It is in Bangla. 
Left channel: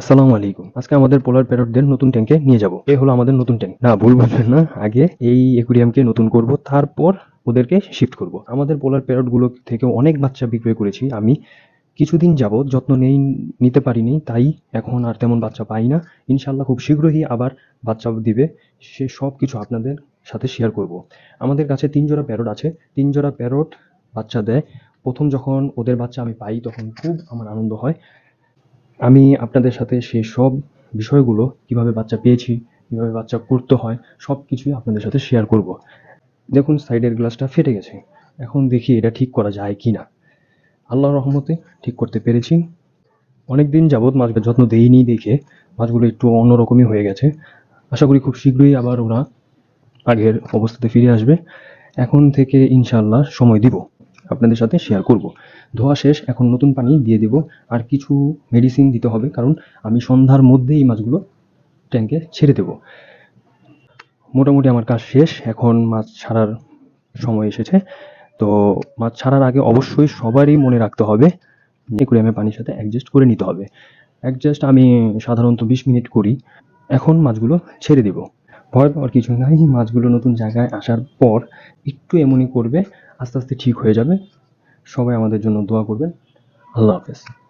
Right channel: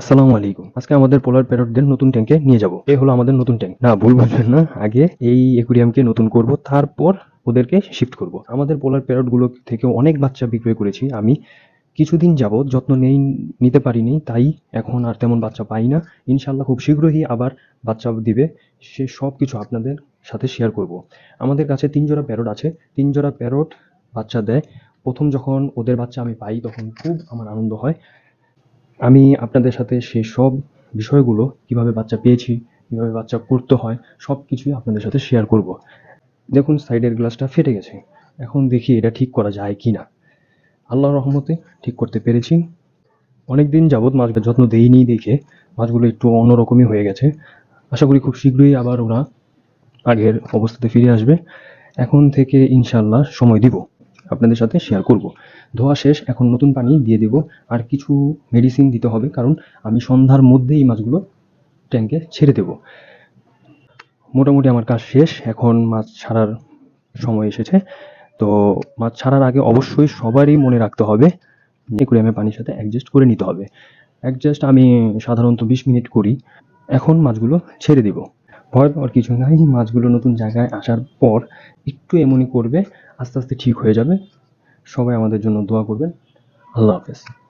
আসসালামু আলাইকুম। আজকে আমাদের পোলার প্যারটদের নতুন ট্যাঙ্কে নিয়ে যাব। এই হলো আমাদের নতুন ট্যাঙ্ক না ভুল বললাম। আগে এই একুরিয়ামকে নতুন করব তারপর ওদেরকে শিফট করব। আমাদের পোলার প্যারটগুলো থেকে অনেক বাচ্চা বিক্রয় করেছি আমি। কিছুদিন যাবত যত্ন নেই নিতে পারিনি তাই এখন আর তেমন বাচ্চা পাই না। ইনশাল্লাহ খুব শীঘ্রই আবার বাচ্চা দিবে। সে সব কিছু আপনাদের সাথে শেয়ার করব। আমাদের কাছে তিন জোড়া প্যারট আছে। তিন জোড়া প্যারট বাচ্চা দেয়। প্রথম যখন ওদের বাচ্চা আমি পাই তখন খুব আমার আনন্দ হয়। আমি আপনাদের সাথে সেই সব বিষয়গুলো কীভাবে বাচ্চা পেয়েছি, কীভাবে বাচ্চা করতে হয় সব কিছু আপনাদের সাথে শেয়ার করব। দেখুন সাইডের গ্লাসটা ফেটে গেছে। এখন দেখি এটা ঠিক করা যায় কি না আল্লাহর রহমতে ঠিক করতে পেরেছি। অনেকদিন যাবৎ মাছকে যত্ন দেইনি দেখে মাছগুলো একটু অন্যরকমই হয়ে গেছে। আশা করি খুব শীঘ্রই আবার ওরা আগের অবস্থাতে ফিরে আসবে। এখন থেকে ইনশাল্লাহ সময় দিব। আপনাদের সাথে শেয়ার করব। ধোয়া শেষ, এখন নতুন পানি দিয়ে দেব। আর কিছু মেডিসিন দিতে হবে, কারণ আমি সন্ধ্যার মধ্যেই মাছগুলো ট্যাঙ্কে ছেড়ে দেব। মোটামুটি আমার কাজ শেষ, এখন মাছ ছাড়ার সময় এসেছে। তো মাছ ছাড়ার আগে অবশ্যই সবারই মনে রাখতে হবে একুরিয়ামে পানির সাথে অ্যাডজাস্ট করে নিতে হবে। অ্যাডজাস্ট আমি সাধারণত বিশ মিনিট করি। এখন মাছগুলো ছেড়ে দিব। ভয় পাওয়ার কিছু নাই। মাছগুলো নতুন জায়গায় আসার পর একটু এমনই করবে, আস্তে আস্তে ঠিক হয়ে যাবে। সবাই আমাদের জন্য দোয়া করবেন। আল্লাহ হাফেজ।